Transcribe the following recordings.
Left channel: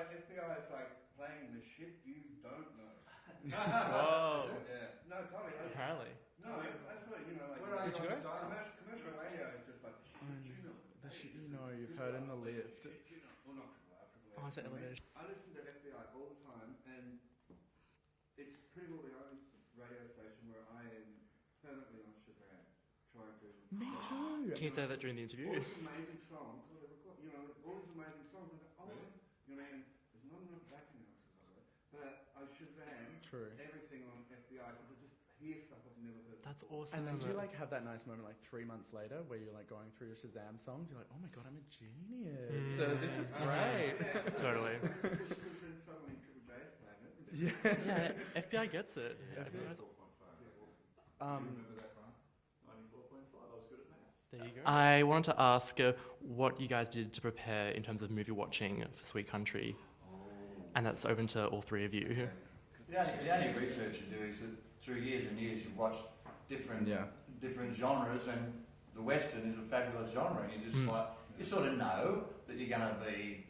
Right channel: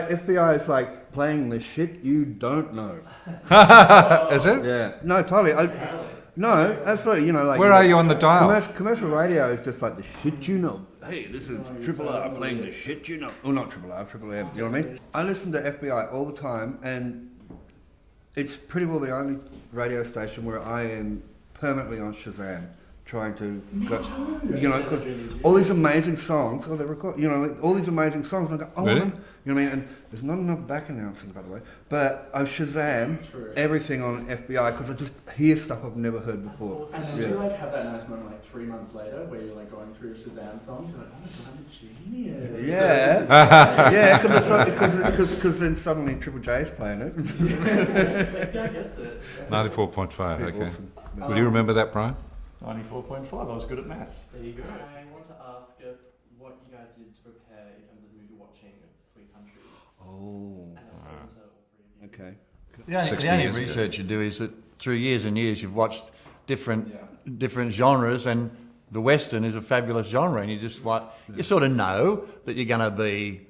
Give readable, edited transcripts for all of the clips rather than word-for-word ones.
FBI is like playing the shit you don't know. Is it? Yeah. No, totally. No, absolutely. You know, like. Where are you on the dial? Commercial radio is just like the shit you know. Hey, this is Triple R playing the shit you know. Oh, not Triple R, Triple M. You know what I mean? I listen to FBI all the time, and it's pretty well the only radio station where I am permanently on Shazam, trying to go, you know, cause all these amazing songs. Oh, they record. You know, all these amazing songs. And I go, oh, really? You know what I mean? And there's not enough back announcing, by the way. But I Shazam everything on FBI because I just hear stuff I've never heard before. Awesome. And then do you like have that nice moment like 3 months later where you're like going through Shazam songs? You're like, oh my god, I'm a genius. Yeah, yeah, because then suddenly Triple J's playing it. Yeah, gets it. 94.5. Okay. Awesome. Would you remember that, Brian? 94.5, I was good at maths. There you go. I wanted to ask what you guys did to prepare in terms of movie watching for Sweet Country. Oh. And that's open to all three of you. Okay. The 60 only years ago. research you do is that through years and years you've watched different genres, and the Western is a fabulous genre, and you just you sort of know that you're going to be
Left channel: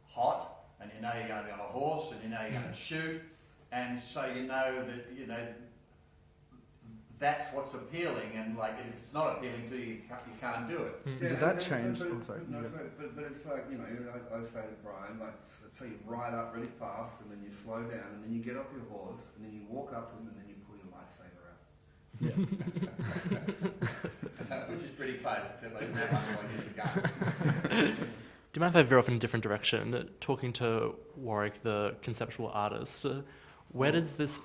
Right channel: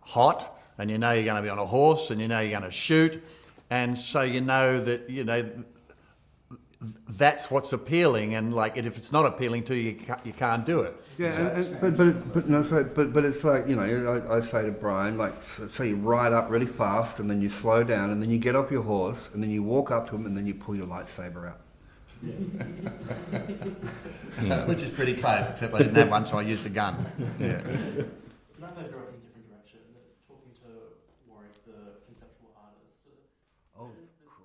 hot, and you know you're going to be on a horse, and you know you're going to shoot, and so you know that that's what's appealing, and like if it's not appealing to you, you can't do it. Yeah, but it's like, you know, I say to Brian, like, so you ride up really fast and then you slow down and then you get off your horse and then you walk up to him and then you pull your lightsaber out. Yeah. Which is pretty close, except I didn't have one, so I used a gun. Do you mind if I veer off in a different direction? Talking to Warwick, the conceptual artist, where does this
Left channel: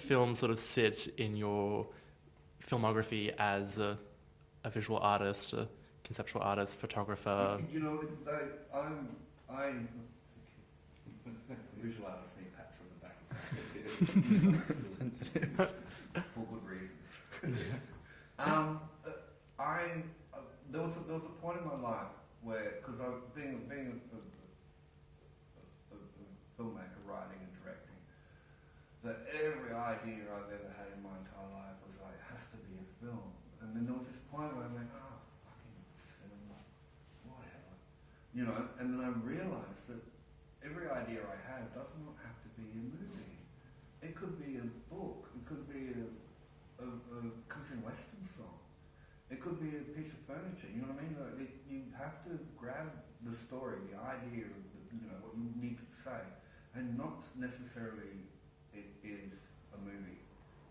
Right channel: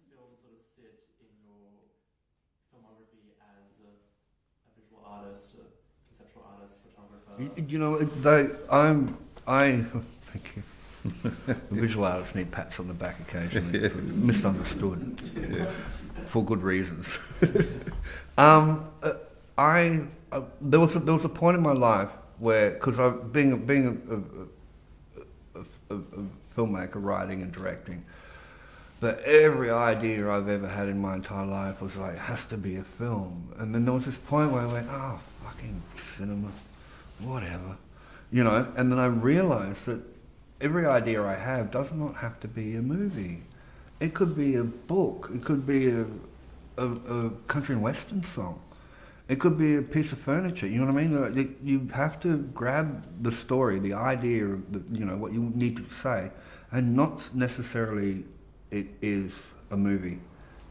film sort of sit in your filmography as a visual artist, a conceptual artist, photographer? You know, thank you. Visual artists need pats on the back occasionally. Misunderstood. For good reasons. There was a point in my life where, because being a filmmaker, writing and directing, that every idea I've ever had in my entire life was like, it has to be a film. And then there was this point where I went, oh, fucking cinema, whatever. You know, and then I realized that every idea I have does not have to be a movie. It could be a book. It could be a country and western song. It could be a piece of furniture. You know what I mean? Like, you have to grab the story, the idea of what you need to say, and not necessarily it is a movie.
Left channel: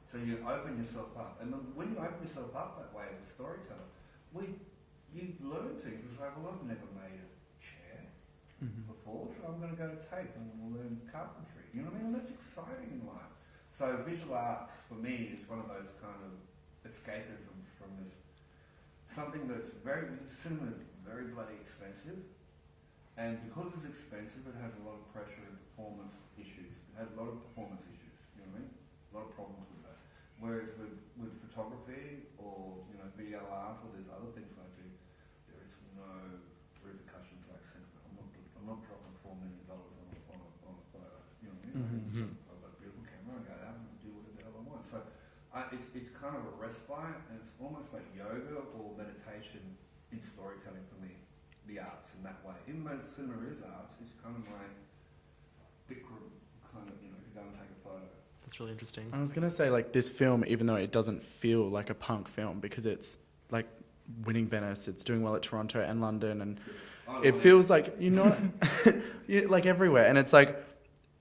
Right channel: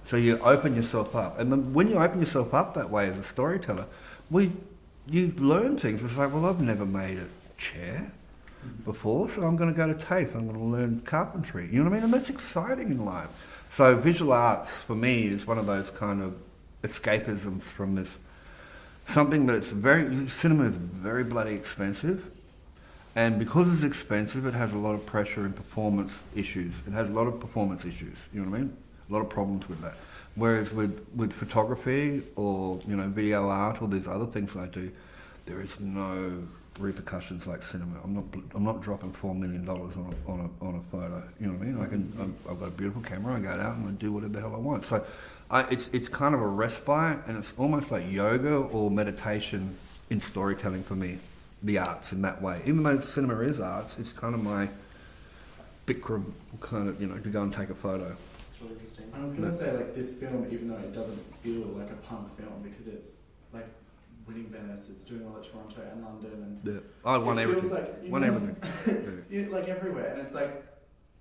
So you open yourself up. And then when you open yourself up that way as a storyteller, you learn things. It's like, well, I've never made a chair before, so I'm going to go to tape. I'm going to learn carpentry. You know what I mean? And that's exciting in life. So visual arts, for me, is one of those kind of escapisms from this. Something that's cinema is very bloody expensive. And because it's expensive, it has a lot of pressure and performance issues. It has a lot of performance issues, you know what I mean? A lot of problems with that. Whereas with photography or, video art or these other things I do, there is no repercussions like cinema. I'm not dropping $4 million on a photo, you know what I mean? I've got a beautiful camera, I go out and I do whatever the hell I want. So it's kind of a respite, and it's almost like yoga or meditation in storytelling for me. The arts in that way. Even though cinema is arts, it's kind of my Bikram kind of, to go and take a photo. It's really interesting. I was going to say, like, this film, even though it doesn't feel like a punk film, because it's, like, winning Venice, it's doing well at Toronto and London, and it feels like, like everywhere. And it's like,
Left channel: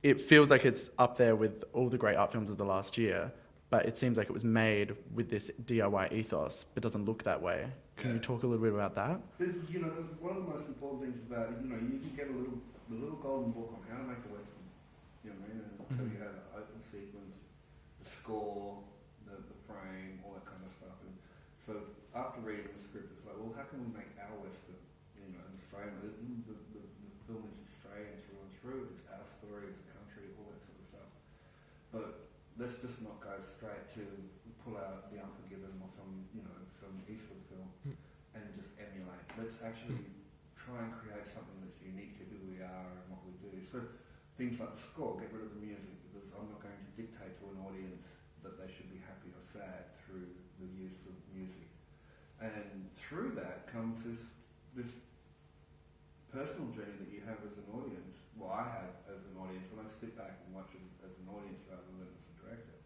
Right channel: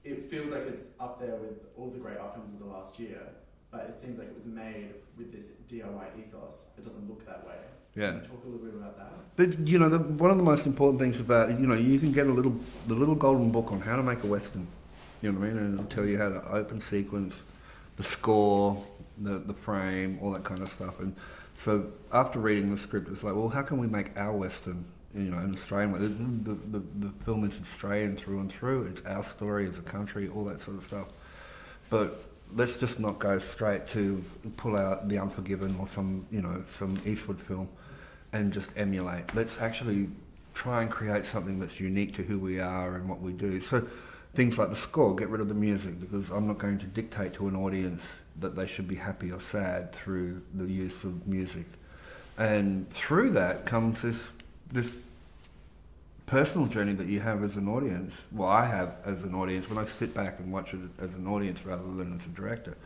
it feels like it's up there with all the great art films of the last year, but it seems like it was made with this DIY ethos, but doesn't look that way. Can you talk a little bit about that? One of the most important things about, you can get the little golden book on how to make a Western, you know what I mean? And it'll tell you how to open sequence, the score, the frame, all that kind of stuff. And so after reading the script, it's like, well, how can we make our Western, an Australian way? The film is Australian through and through. It's our story, it's a country, all that sort of stuff. But let's just not go straight to pull out The Unforgiven or some Eastwood film and just emulate. Let's actually try and create something that's unique to who we are and what we do. So things like the score, get rid of the music, because I'm not going to dictate to an audience that they should be happy or sad through the use of music. And through that comes this personal journey that you have as an audience. Well, I have as an audience when I sit back and watch it as an audience rather than as a director.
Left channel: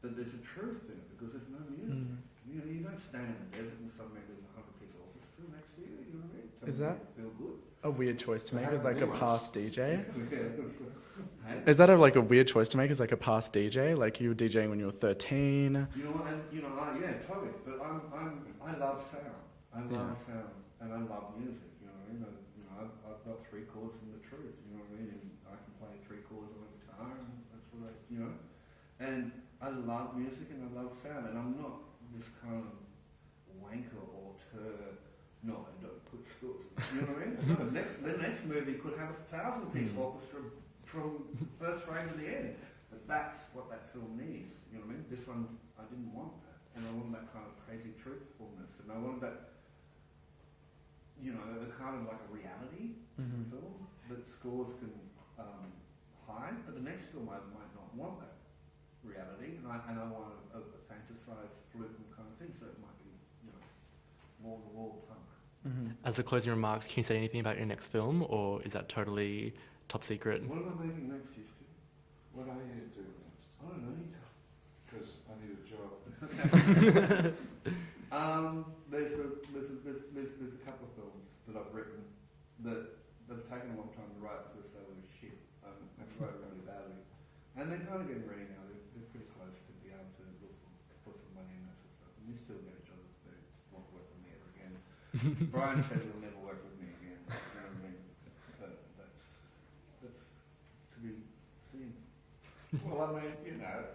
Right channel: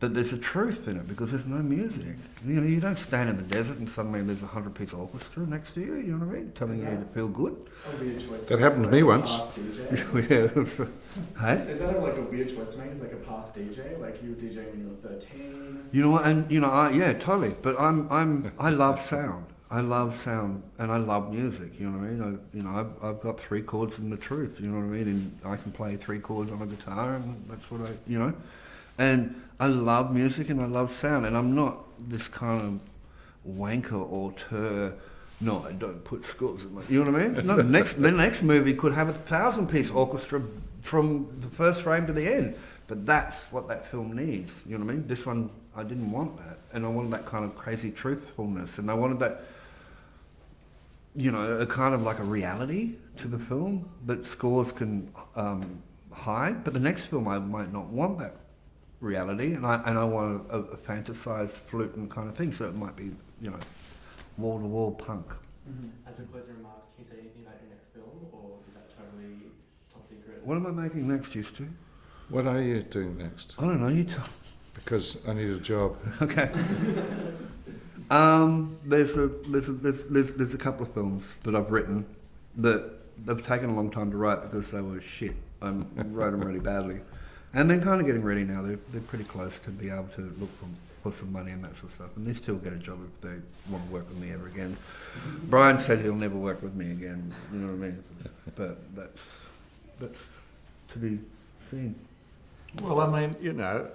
That there's a truth in it because there's no music. You know, you don't stand in the desert and suddenly there's a 100-piece orchestra next to you. You know what I mean? Telling you to feel good. A weird choice. That happened to me once. Past DJ. Hey. Is that like a weird choice to make? As like a past DJ, like you were DJing when you were 13. You know what? And you know, yeah, totally. But I love sound. I love sound and I love music. You know what I mean? I've got 3 chords in the truth. You know what I mean? And I can play 3 chords on a guitar, and that's what and I love music and I love sound, and I'm not this kind of wanker auteur. No, I don't put scores in my. You know what I mean? No, the next movie could have a 1,000-piece orchestra from the first frame to the end, but that's what that film needs. You know what I mean? This one, I didn't want that, and I wanted that kind of crazy truthfulness, and I wanted that. You know, a kind of like a reality to the film that scores can hide, but the next film I might not want that reality, and I want a fantasized flute and kind of thing, so it might be, you know, wall-to-wall punk. As the closing remarks, can you say anything about your next film, or is that totally top secret? What am I making next, used to? What are you doing next? I don't know, you tell. Because I need a job. Okay. There's a couple of films that I've written that they've taken a long time to write because they were shit. I wrote them really badly. And they're kind of getting ready now. They're pretty close to be able to look for some money and that sort of stuff. And they still get a job if they want to work with me ever again. Brian said he'll never work with me again. You know what I mean? But that's to be seen. Well, I mean, you know,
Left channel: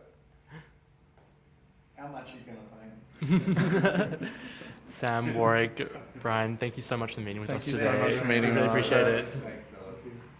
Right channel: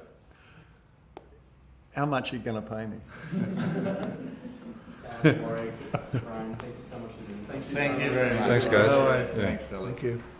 how much are you going to pay me? Sam, Warwick, Brian, thank you so much for the meeting with us Thank you today. so much for meeting Thanks, us. guys. Appreciate it. Yeah. Thank you.